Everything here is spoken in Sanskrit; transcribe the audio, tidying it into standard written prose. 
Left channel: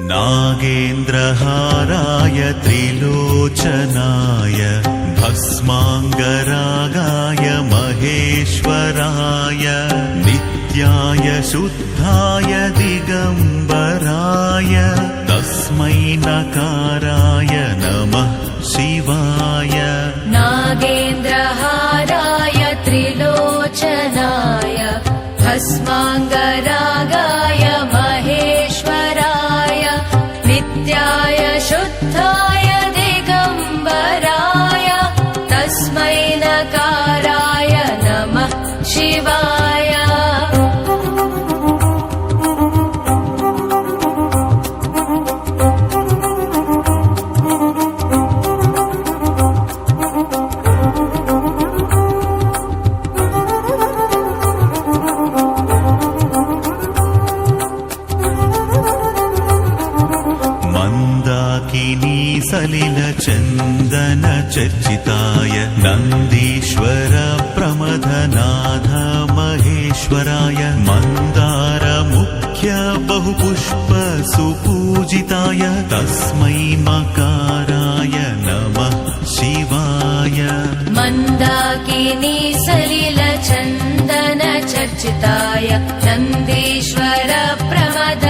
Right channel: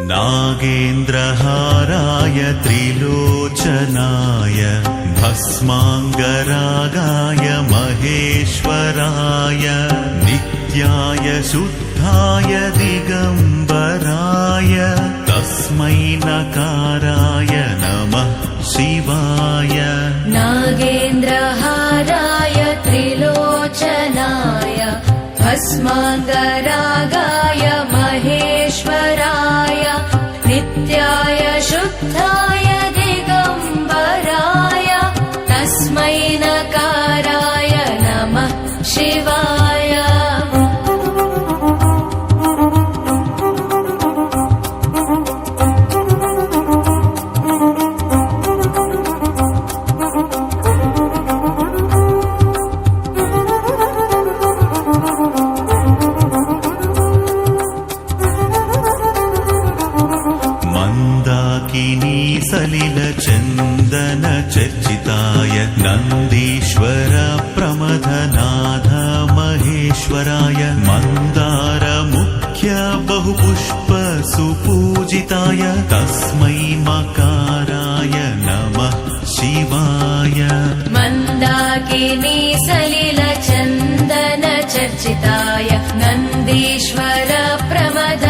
नागेन्द्रहाराय त्रिलोचनाय भस्माङ्गरागाय महेश्वराय नित्याय शुद्धाय दिगम्बराय तस्मै नकाराय नमः शिवाय। नागेन्द्रहाराय त्रिलोचनाय भस्माङ्गरागाय महेश्वराय नित्याय शुद्धाय दिगम्बराय तस्मै नकाराय नमः शिवाय। मन्दाकिनी सलिलचन्दन चर्चिताय नन्दीश्वर प्रमथनाथ महेश्वराय मन्दार मुख्य बहुपुष्प सुपूजिताय तस्मै मकाराय नमः शिवाय। मन्दाकिनी सलिलचन्दन चर्चिताय नन्दीश्वर प्रमथ